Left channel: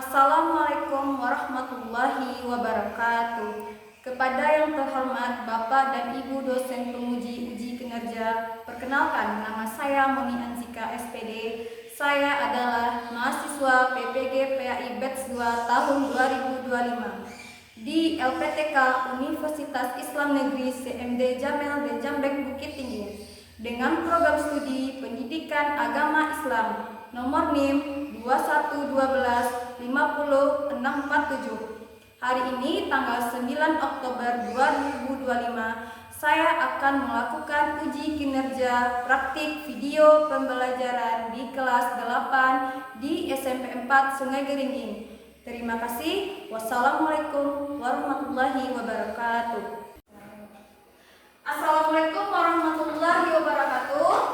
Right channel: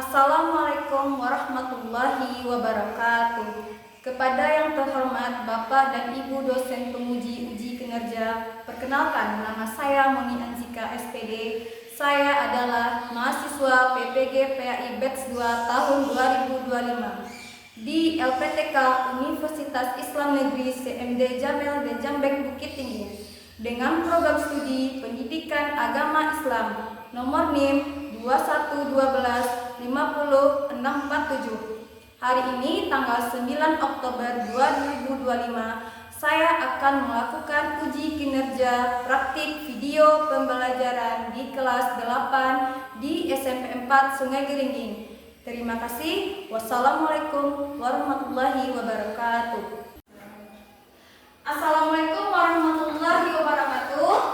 Assalamualaikum warahmatullahi wabarakatuh. Kepada yang terhormat Bapak dan Ibu dosen penguji uji kinerja, perkenalkan nama saya Moni Anzika SPD. Saya adalah mahasiswa PPG PAI Batch 2 tahun 2025 di LPTK Universitas Islam Negeri CMD Jamel dan Jambeng Bukit Tinggi dengan program studi Pendidikan Agama Islam nomor NIM 21125047. Hari ini tanggal 9 Oktober 2025, saya akan melakukan uji kinerja praktik video pembelajaran di kelas 8 di SMP 4 Sungai Geringging. Terima kasih. Wassalamualaikum warahmatullahi wabarakatuh. Assalamualaikum warahmatullahi wabarakatuh.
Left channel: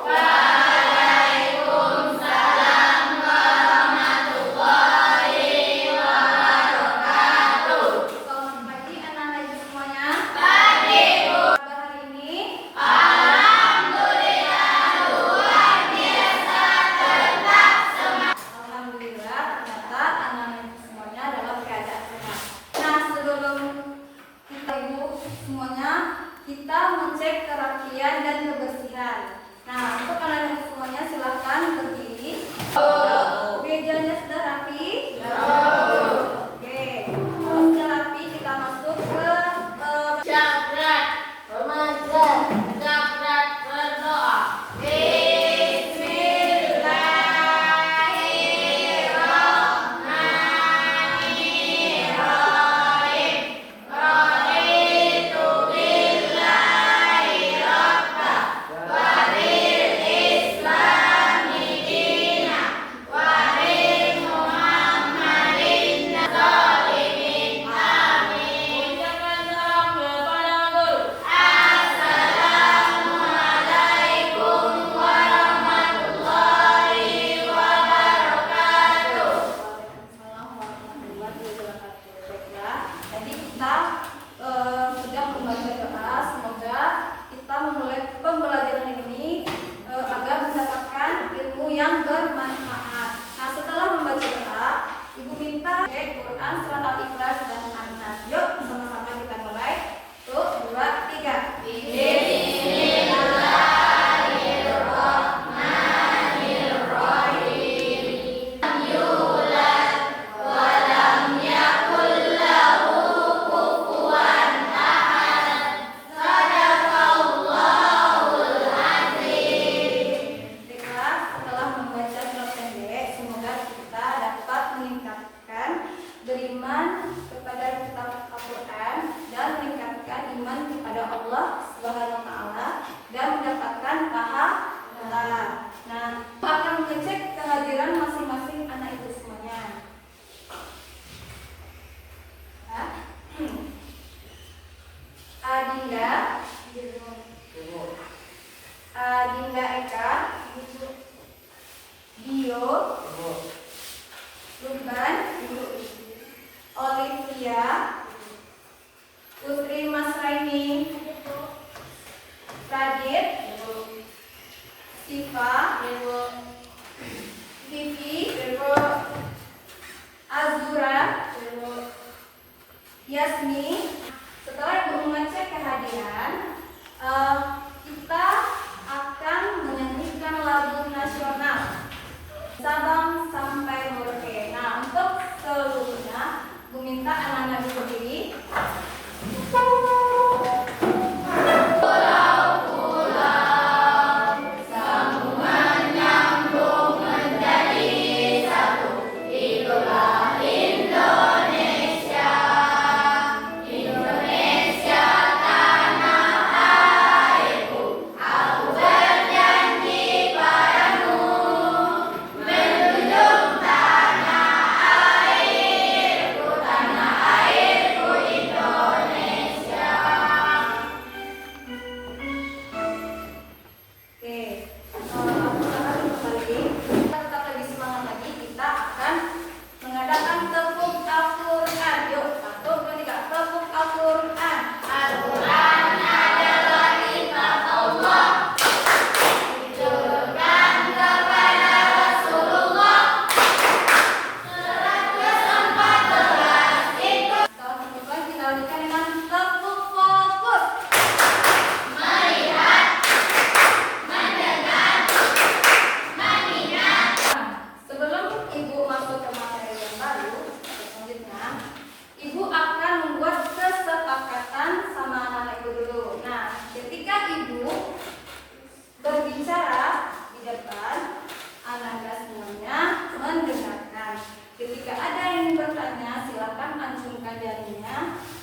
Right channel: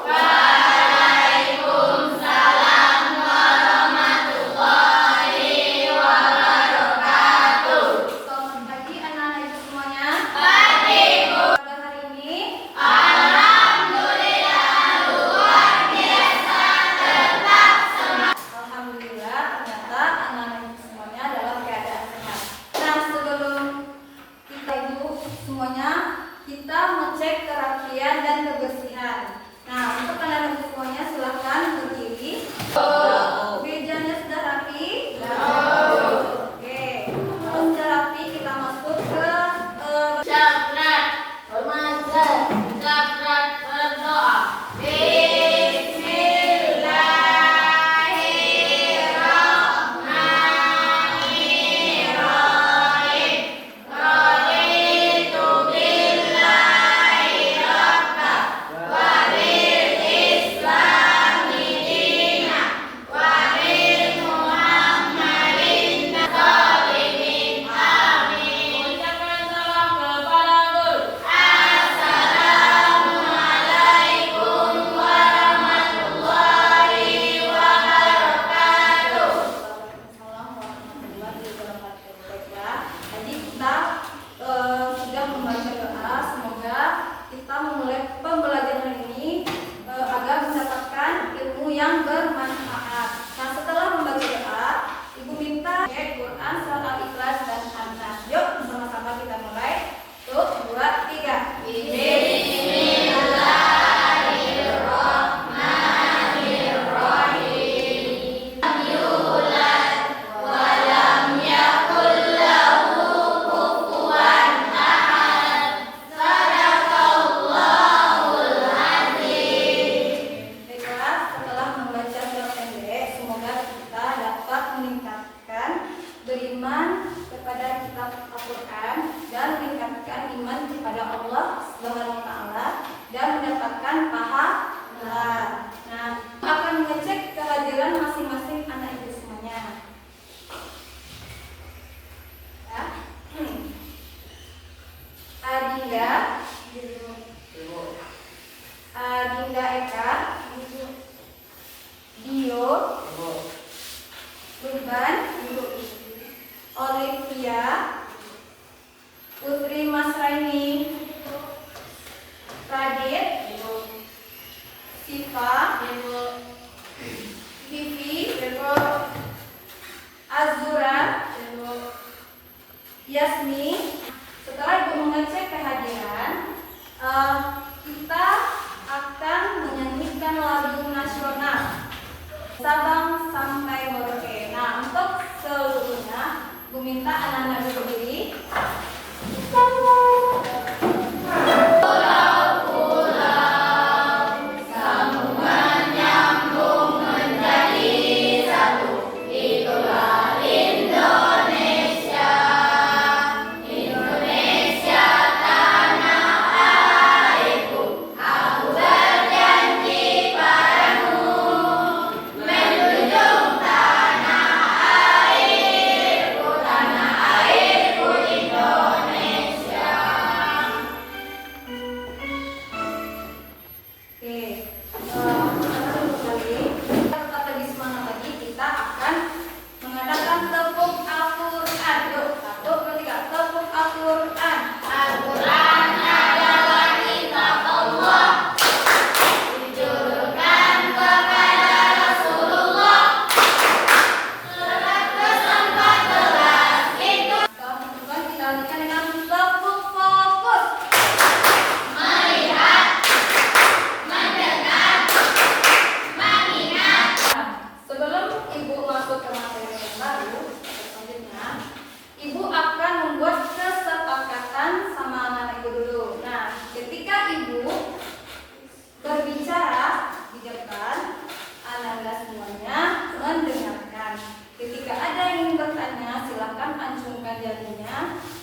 Kita mengecek kerapian dan kebersihan. Nah, untuk kalian semuanya silahkan berdiri. Mejanya sudah rapi? Oke. Sudah rapi, kita masuk ke Cakrat remaja, cakrat berdoa. Sudah membaca doa, semoga kita memulai pembelajaran ini agar mendapatkan ilmu yang bermanfaat. Nah, setelah membaca doa, Ibu minta Quran, surat Al-Ikhlas dan An-Nas. Yuk, sama-sama kita mulai. 1, 2, 3. Beriman kepada kitab Al-Quran dan meningkatkan iman kepada Allah Subhanahu wa Ta'ala dan mendapatkan pahala. Nah, akan mengecek kehadiran masing-masing anak ibu semuanya. Adinda Eka, Dio, Ruban, Olivia, Putri Masraini, Radit, Siva, Vivi, Azura, Yasmi. Setelah Ibu mengecek kehadiran, kita akan menyanyikan lagu nasional Sabang sampai Merauke. Nah, untuk seluruhnya Ibu minta anak-anak berdiri. Tanah air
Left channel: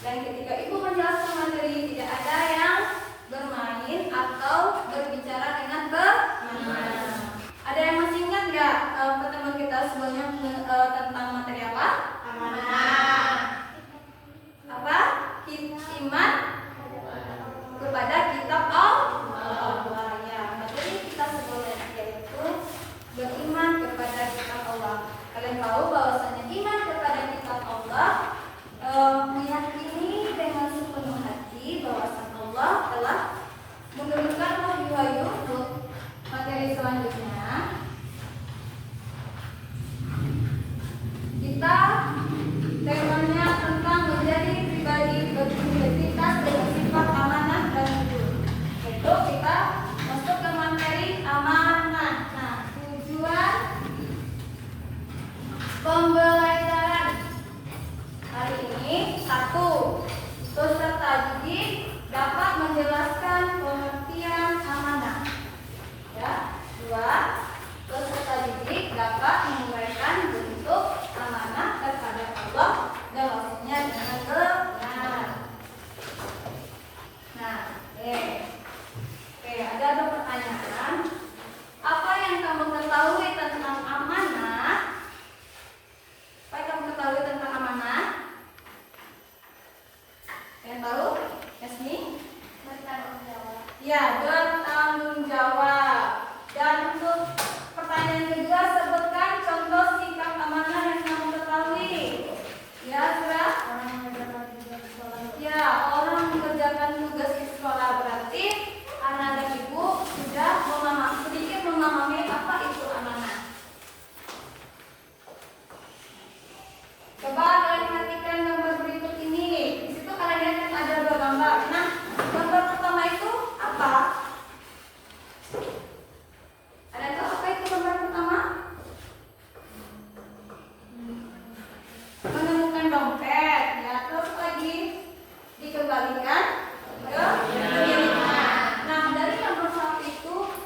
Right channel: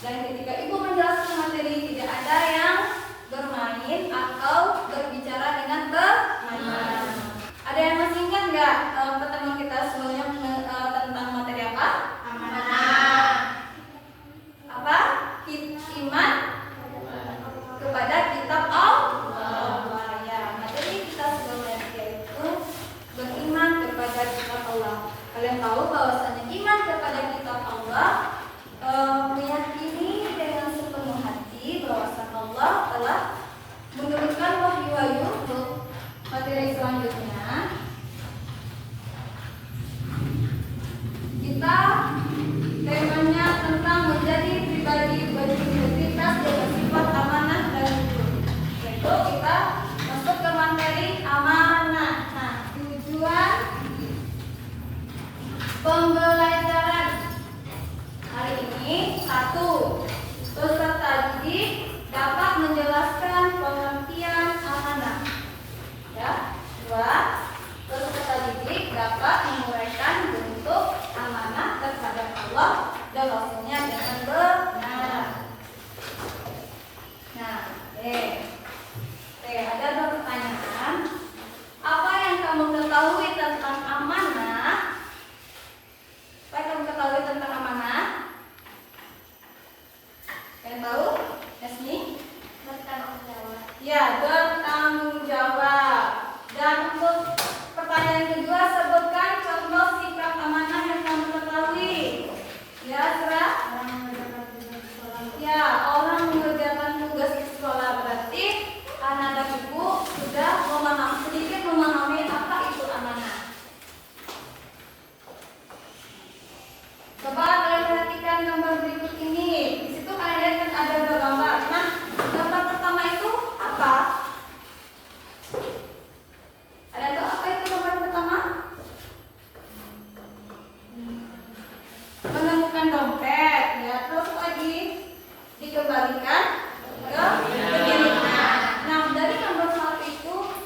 Dan ketika ibu menjelaskan materi, tidak ada yang bermain atau berbicara dengan bermain. Ada yang masih ingat nggak pertemuan kita sebelumnya tentang materi apa? Amanah. Apa? Iman kepada kitab Allah. Ya, materi kita sebelumnya yaitu beriman kepada kitab Allah. Kalian tahu bahwasanya iman kepada kitab Allah meyakini dengan sepenuh hati bahwasanya Allah telah menurunkan wahyu-wahyu untuk materi selanjutnya. Kita temanya tentang menjadi pribadi berintegritas dengan sifat amanah dan jujur. Yaitu kita masuk ke materi amanah. Nah, tujuan pembelajaran hari ini: 1. Peserta didik dapat menjelaskan pengertian amanah. Ya. 2. Peserta didik dapat menguraikan bentuk amanah kepada Allah dan Rasulnya dengan benar. Nah, ada 2 pertanyaan. Apa yang kamu ketahui tentang amanah? Apa yang kamu ketahui tentang amanah? Yang tahu? Yasni? Bertanggung jawab. Ya, bertanggung jawab. Dan untuk pertanyaan kedua, sebutkan contoh sikap amanah yang kamu ketahui. Ya, Surah? Ya, orang mengerjakan tugas di sekolah. Berarti anak dan ibu sudah sedikit memahami apa itu amanah. Coba kalian perhatikan gambar berikut ini. Di situ kalian lihat kan ada 2 gambar. Nah, gambar pertama itu apa? Ada tahu apa itu gambar pertama? Menemukan dompet. Ya, terus lagi dikembalikan ke pemiliknya. Nah, dari gambar satu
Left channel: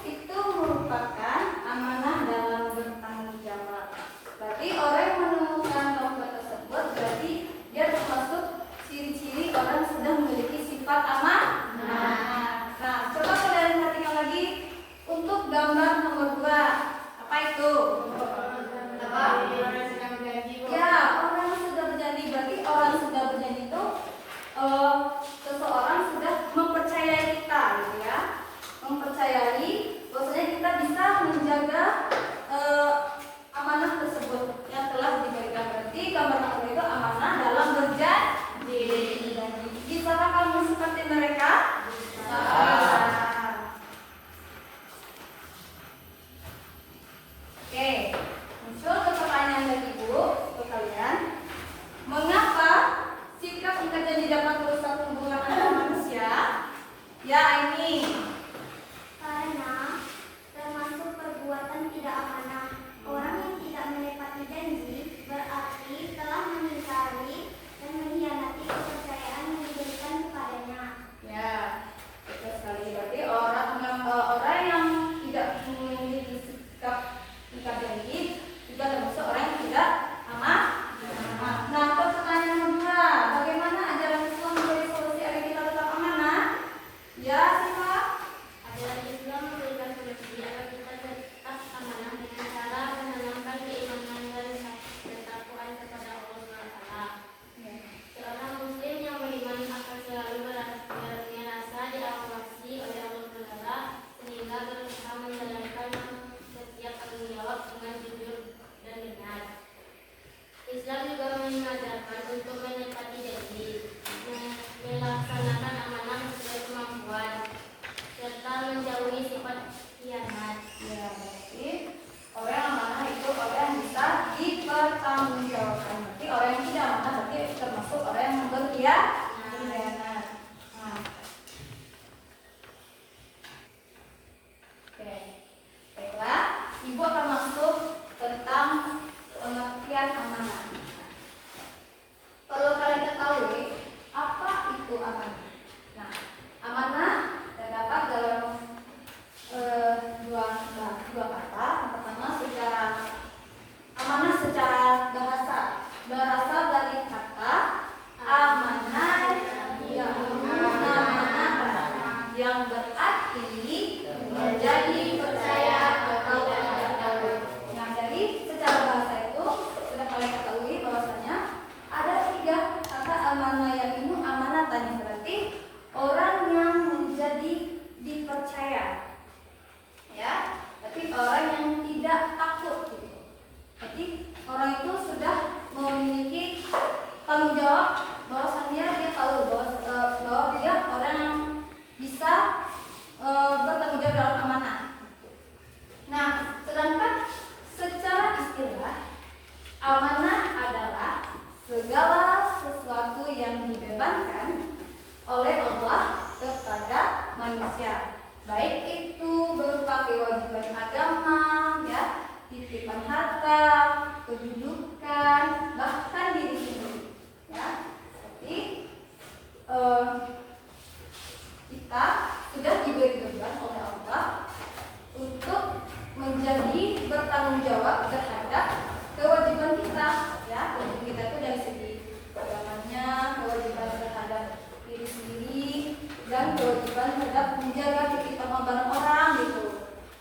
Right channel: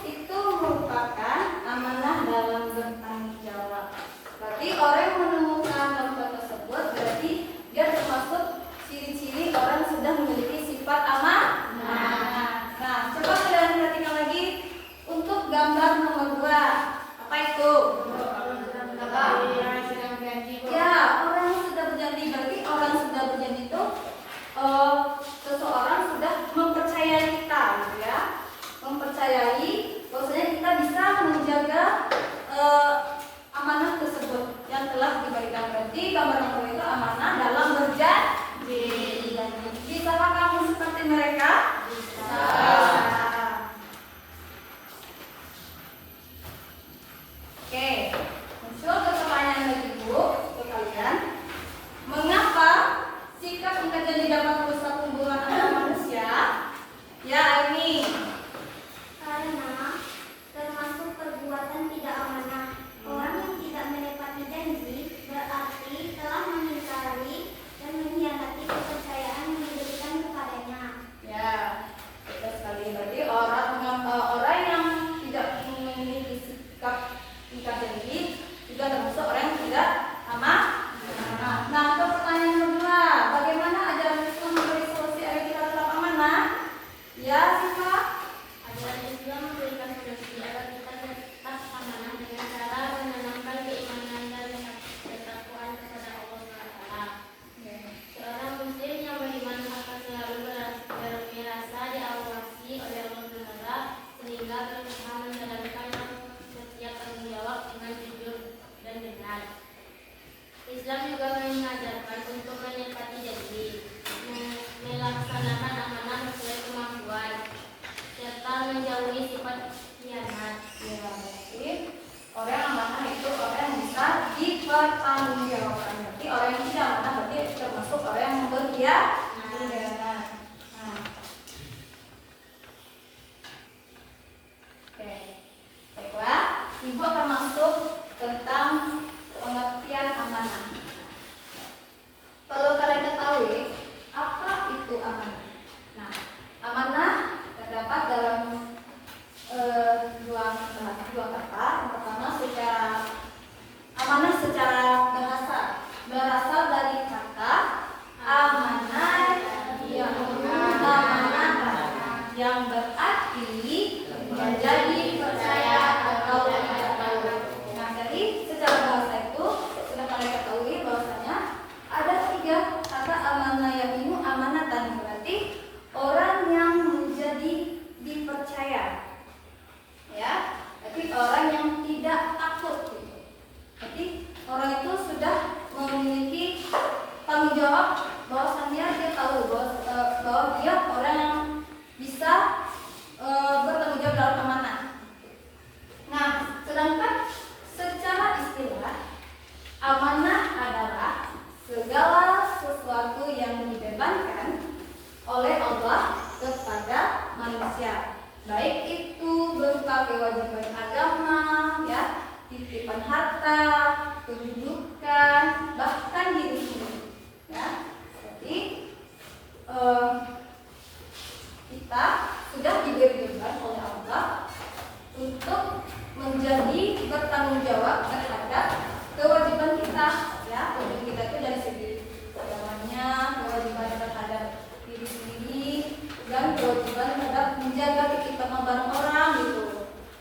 itu merupakan amanah dalam bertanggung jawab. Berarti orang yang menemukan dompet tersebut berarti dia termasuk ciri-ciri orang yang sudah memiliki sifat amanah. Nah, coba kalian perhatikan lagi untuk gambar nomor 2. Apa itu? Apa? Ya, orang yang sudah berjanji. Berarti orang yang sudah berjanji itu seseorang sudah mempercayai kita, gitu ya. Mempercayai bahwasanya kita bisa menjaga amanah tersebut yang telah diberikan. Berarti gambar nomor 2 itu amanah dalam berjanji. Bisakah kamu seperti mereka? Oke, muncul ke pertanyaan dari ibu untuk kalian. Mengapa sikap ingkar janji dapat merusak hubungan antar manusia? Ya, ini Karena termasuk perbuatan tidak amanah. Orang yang tidak menepati janji berarti telah mengingkari dan mengkhianati kepercayaan yang diberikan kepadanya. ya, betul sekali. Berarti orang yang tidak memiliki sikap ingkar janji juga termasuk orang yang tidak amanah. Nah, pertanyaan kedua, bagaimana ajaran Islam memberi solusi agar kita tetap amanah? Ya, siapa? Ajaran Islam memberikan solusi agar kita tetap amanah dengan cara menanamkan keimanan dan ketakwaan kepada Allah SWT. Seorang muslim yang beriman akan selalu merasa diawasi oleh Allah SWT sehingga berusaha menjalankan setiap tanggung jawab dengan jujur dan benar. Islam juga mengajarkan untuk menepati janji, melaksanakan amanah sesuai kemampuan, serta menjauhi sifat khianat. Ya, berarti orang amanah itu orang yang bisa dipertanggungjawabkan. Berarti orang yang tidak amanah berarti termasuk orang yang berkhianat. Nah, oke, baiklah. Ibu akan masuk tentang pengertian amanah. Perlu kalian ketahui apa itu amanah. Nah, amanah terdapat dalam dua kata. Yang pertama amanah secara bahasa berasal dari kata amanah tanggung jawab, bahwasannya dia tahu bahwa dia orang yang bisa bertanggung jawab dalam amanah. Nah, sedangkan secara istilah amanah adalah segala sesuatu yang dibebankan oleh Allah kepada manusia, baik itu berupa kewajiban agama, ya, titipan harta, kedudukan, bahkan diri sendiri, ya. Jadi kita sudah diberi beban oleh Allah untuk menjadi bertanggung jawab terhadap kewajiban kita, ya. Kewajiban kita itu dari segi agamanya, kewajiban terhadap diri sendiri, dan kewajiban terhadap menjaga titipan barang orang gitu.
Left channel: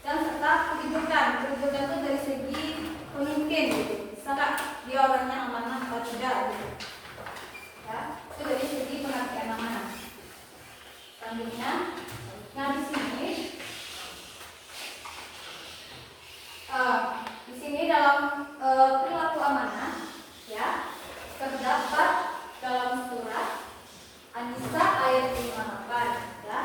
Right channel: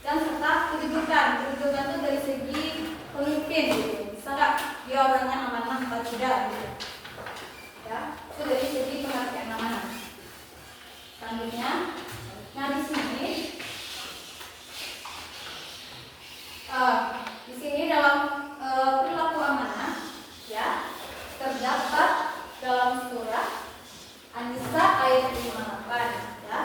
Dan serta kedudukan itu dari segi pemimpin gitu. Bisa nggak dia orangnya amanah atau tidak gitu. Ya, itu dari segi pengertian amanah. Selanjutnya, nah di sini dalam perilaku amanah, ya, terdapat dalam surah An-Nisa ayat 58, ya.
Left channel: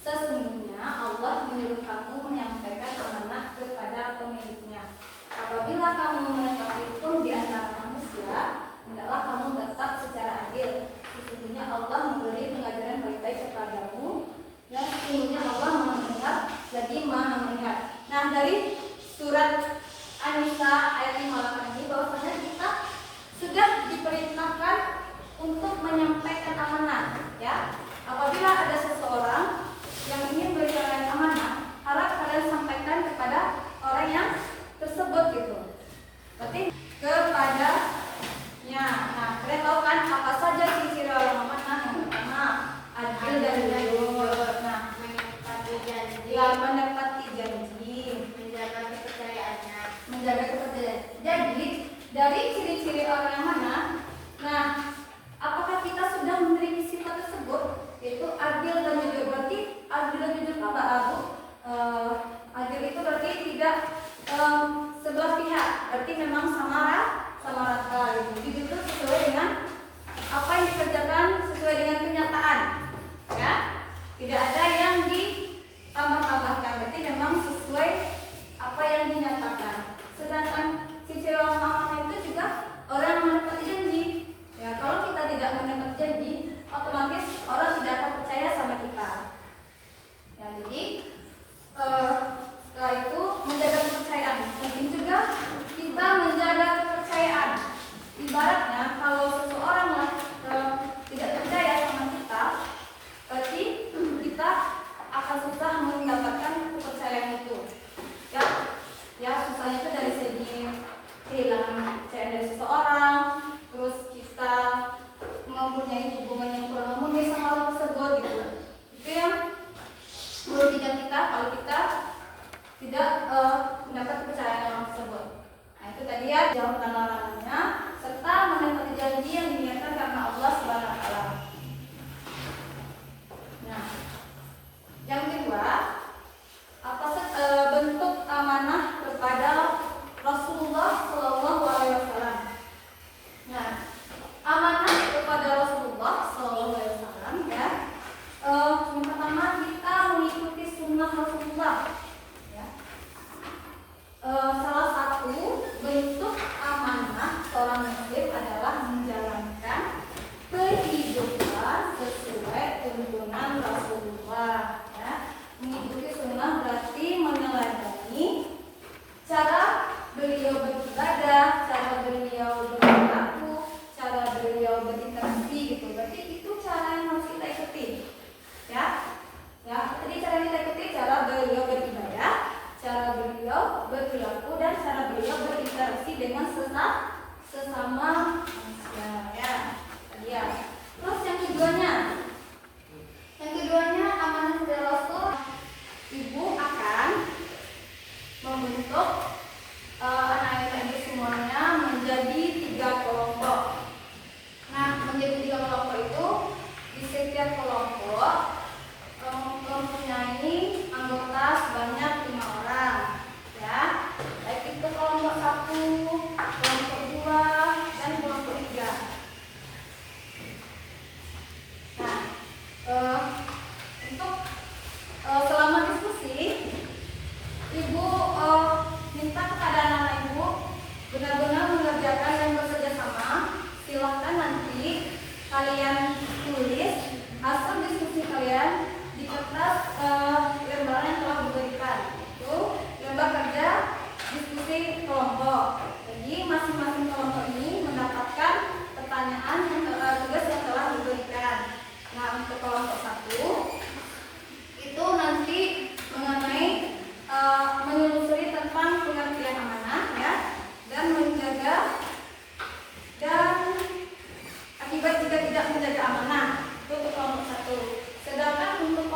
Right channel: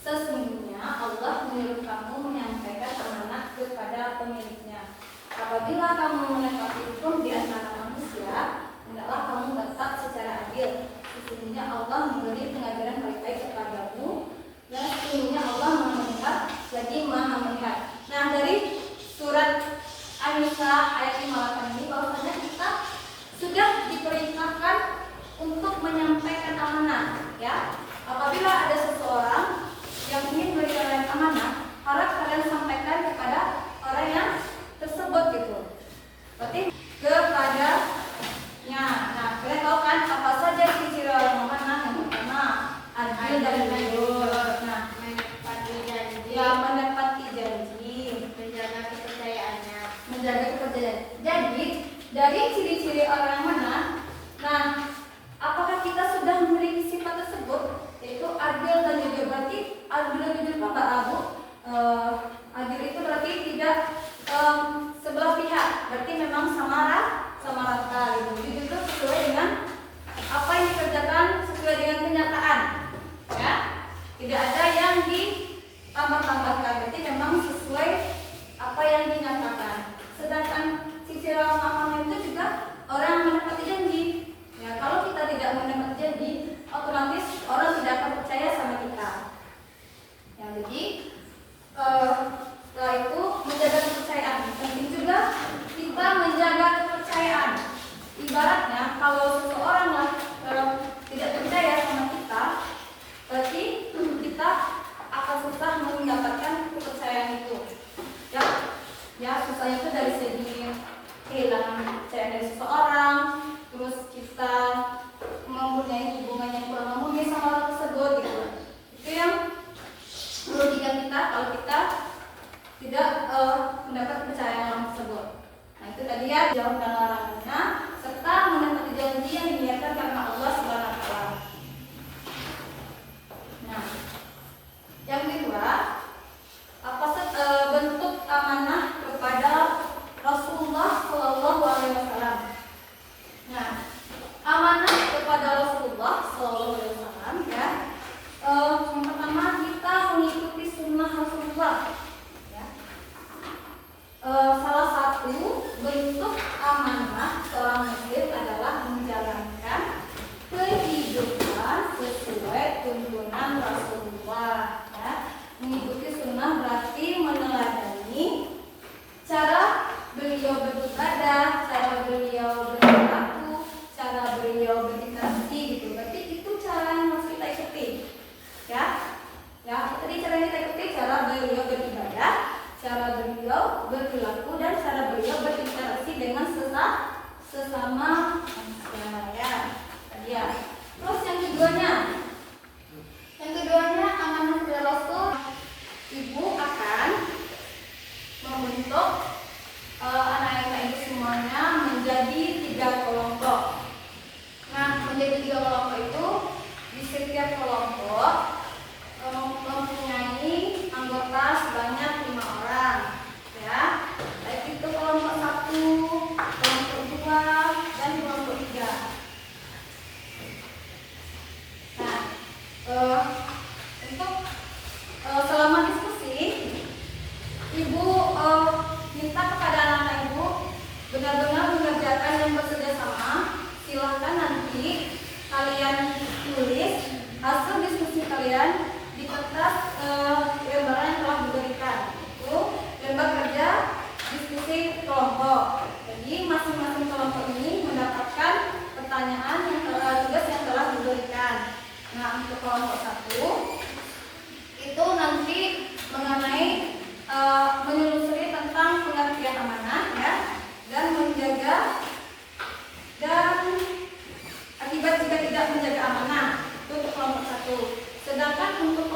Sesungguhnya Allah menyuruh kamu menyampaikan amanah kepada pemiliknya. Apabila kamu menepati hukum di antara manusia, hendaklah kamu tetap secara adil. Sesungguhnya Allah memberi pengajaran baik-baik kepadamu, dan sesungguhnya Allah Maha mendengar, jadi Maha melihat. Nah, dari surat An-Nisa ayat 58 ini bahwasanya kita sudah diperintahkan untuk menyampaikan amanah, ya. Apabila ada seseorang yang ingin memberikan amanah, harap kalian sampaikan kepada orang yang tersebut gitu. Berarti kepadanya. Nah, kalian tahu kan apa saja ciri-ciri orang amanah? Yang pertama, adil dan jujur. Nah, menepati janji, ya, menepati janji, menjaga kepercayaannya. menjaga kepercayaan. Jadi, dari ciri-ciri orang amanah, nah, apakah kita sudah memiliki sifat tersebut, yaitu adil dan jujur? Berarti adil dan jujur itu Mbak Abu, adil itu berarti tidak sebelah pihak, berarti memang sama rata gitu. Jujur itu sesuai dengan apa yang dikerjakan, sesuai dengan kenyataan, ya. Tidak ada yang ditambah-tambahkan, berarti memang sesuai apa yang dinyatakan. Sedangkan sisi orang amanah itu juga orang yang menepati janji. Ya, kalau kita tidak menepati janji, otomatis orang tidak akan percaya sama kita. Ya, jadi setelah itu menjaga kepercayaan. Penting juga kita menjaga kepercayaan.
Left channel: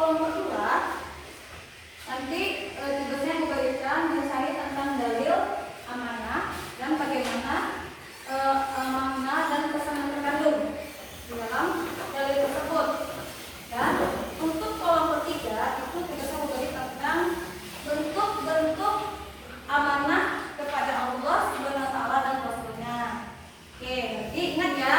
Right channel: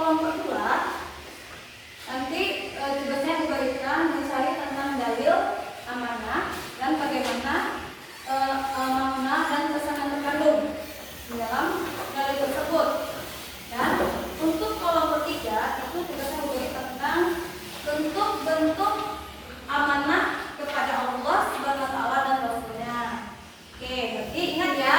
kolom kedua nanti tugasnya diberikan mencari tentang dalil amanah dan bagaimana makna dan pesan yang terkandung di dalam dalil tersebut. Dan untuk kolom ketiga itu tugasnya memberi tentang bentuk-bentuk amanah kepada Allah Subhanahu wa taala dan Rasulnya. Oke, berarti ingat ya.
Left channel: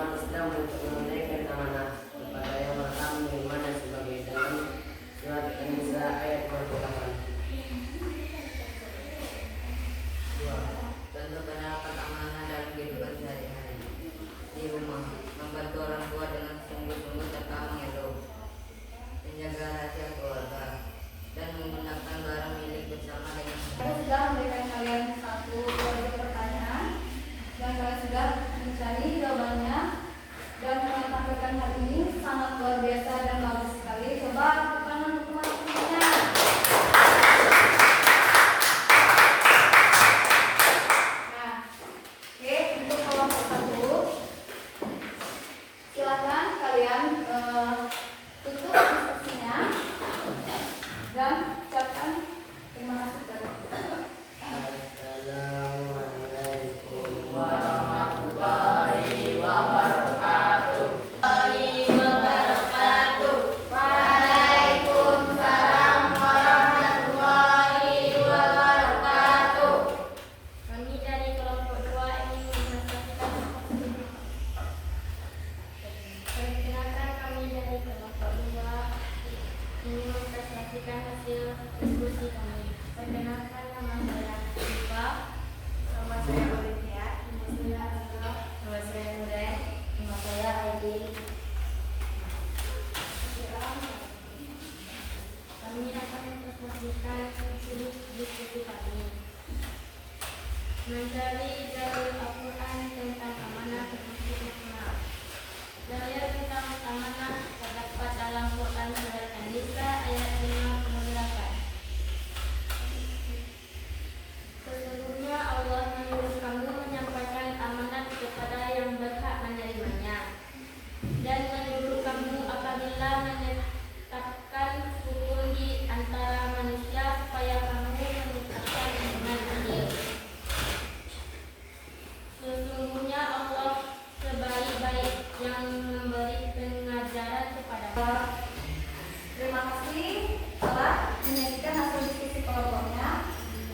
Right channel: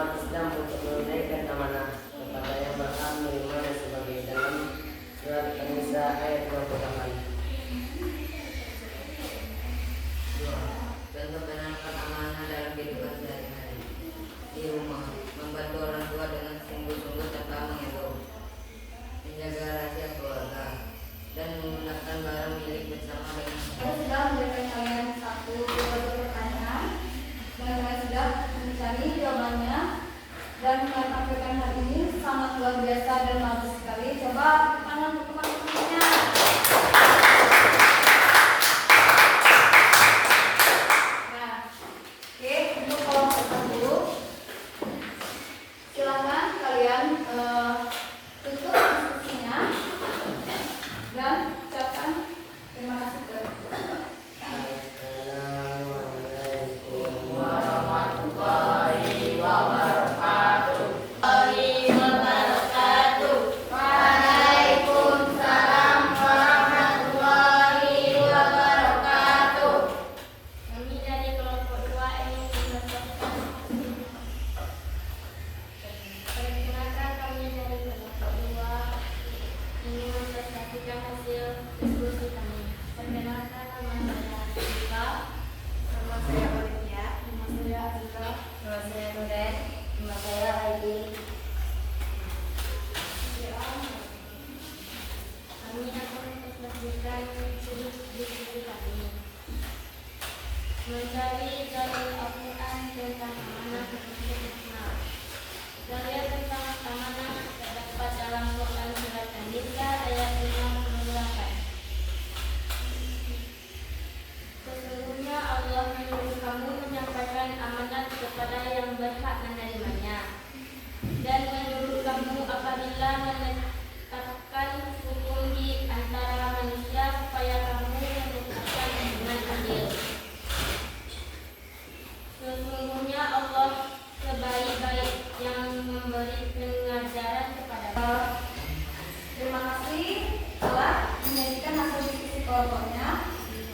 umat Islam untuk menunaikan amanah kepada yang berhak menerimanya sebagai dalam surat An-Nisa ayat 28. Contoh penerapan amanah dalam kehidupan sehari-hari di rumah, membantu orang tua dengan sungguh-sungguh tanpa mengeluh, menjaga rahasia keluarga, dan menggunakan barang milik bersama dengan Saya sudah memberikan kalian satu pertanyaan dan saya sudah mencari jawabannya, dan yang tampilkan hari ini sangat luar biasa dan bagus sekali. Coba tepuk tangan untuk teman-temannya. Nah, oke, untuk kelompok satu, silakan kalian tutup diskusinya dan ucapkan terima kasih kepada Assalamualaikum warahmatullahi wabarakatuh. Waalaikumsalam warahmatullahi wabarakatuh. Kami dari kelompok 2 ingin menjelaskan. Perkenalkan, kami dari kelompok 2 ingin mempresentasikan hasil diskusi kami. Perkenalkan, nama saya Ika. Nama saya Olivia. Nama saya Azra. Nama saya Nuren. Nama saya Aidi. Kami akan mempresentasikan hasil diskusi kami. Mencari dalil Al-Quran tentang amanah seperti makna. Dalil tentang amanah terdapat dalam Quran surat An-Nisa ayat 58. Sesungguhnya Allah menyuruh kamu menyampaikan amanat kepada yang berhak menerimanya, dan menyuruh kamu apabila menetapkan hukum di antara manusia supaya kamu menetapkan dengan adil. Sesungguhnya Allah sebaik-baik yang memberi pengajaran kepada Terima kasih telah menyajikan hasil diskusi kelompoknya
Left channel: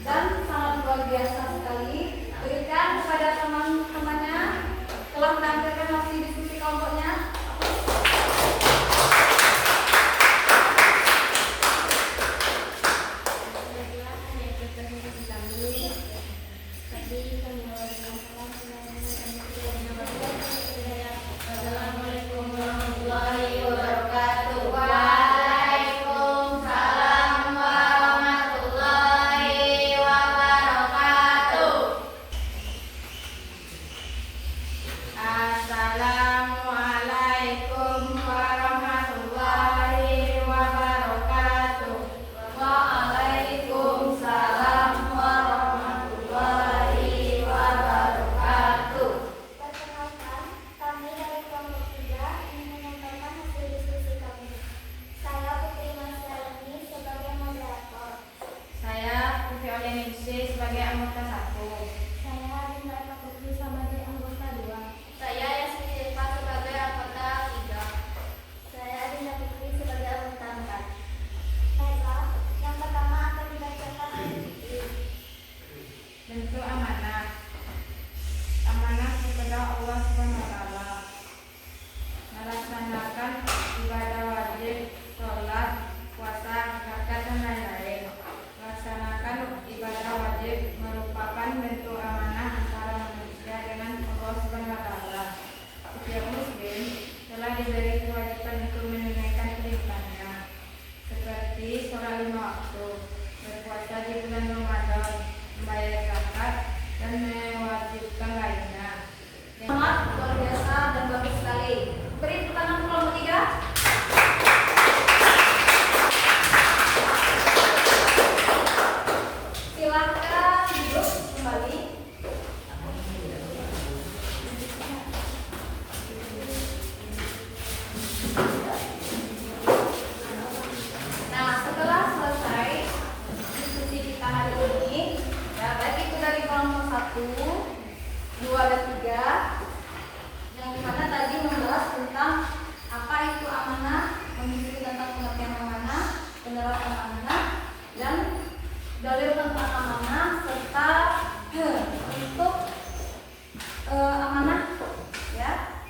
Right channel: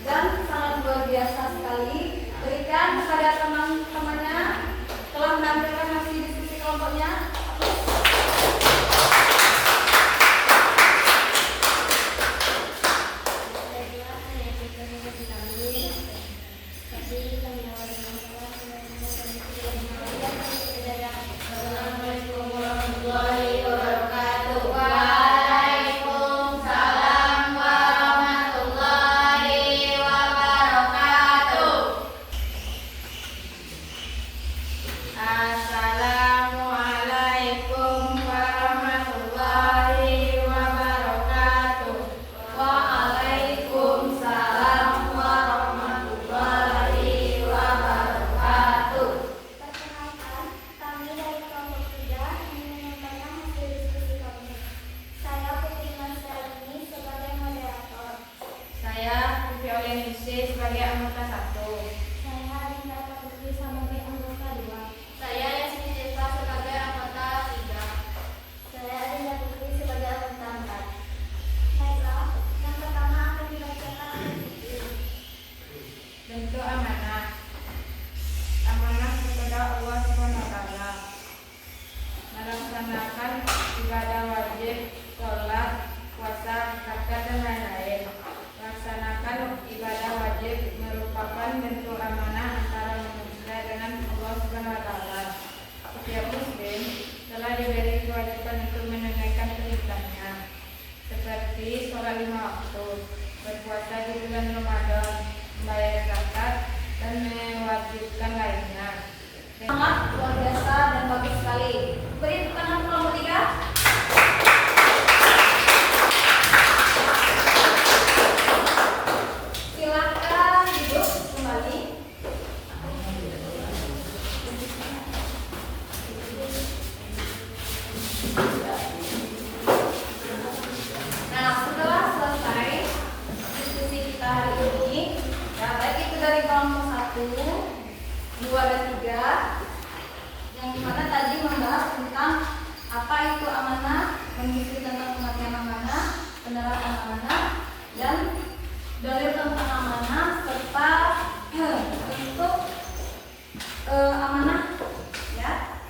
dan sangat luar biasa sekali. Berikan kepada teman-temannya telah menampilkan hasil diskusi kelompoknya. Assalamualaikum warahmatullahi wabarakatuh. Waalaikumsalam warahmatullahi wabarakatuh. Assalamualaikum warahmatullahi wabarakatuh. Waalaikumsalam warahmatullahi wabarakatuh. Perkenalkan, kami dari kelompok 3 ingin menyampaikan hasil diskusi kami. Saya Putri Nasraini sebagai moderator. Saya Putri Olianisi sebagai anggota 1. Saya Harinda Putri sebagai anggota 2. Saya Yasmin Silva sebagai anggota 3. Saya Harinda Putri sebagai anggota 4. Baiklah, yang pertama akan dibacakan Bentuk amanah. Amanah kepada Allah SWT. Melaksanakan ibadah wajib, sholat, puasa, zakat, dan lain-lain. Laksanakan ibadah wajib merupakan bentuk amanah antara manusia dengan Allah SWT. Setiap muslim telah diberi kewajiban untuk menunaikan perintahnya, seperti sholat 5 waktu, berpuasa di bulan Ramadan, membayar zakat, dan mewajibkan lainnya. Sangat luar biasa dan bagus sekali. Beri tepuk tangan kelompok 3. Silakan duduk kembali. Nah, setelah selesai diskusi kita hari ini, ya baik itu dari kelompok 1, 2, dan 3, yang dimana tadi membahas tentang apa itu amanah, mengisi tentang pengertian amanah, penerapan amanah, dan dalil tentang amanah serta untuk amanah, ya.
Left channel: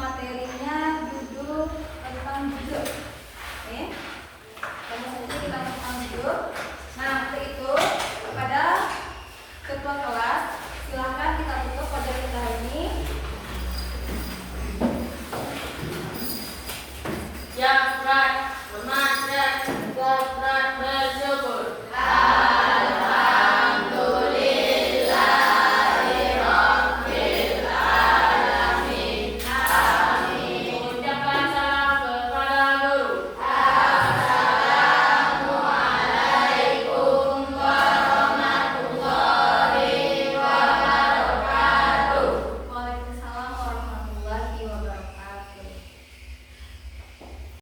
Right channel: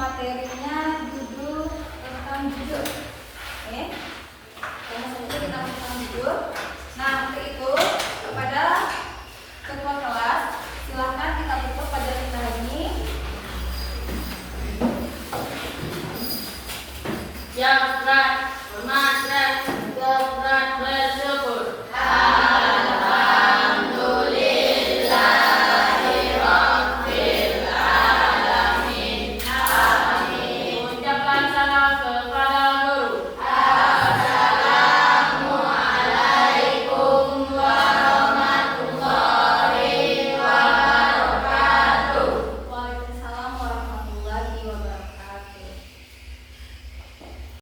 materinya judul tentang jujur. Oke. Tanya saja kita tentang jujur. Nah, untuk itu kepada ketua kelas silakan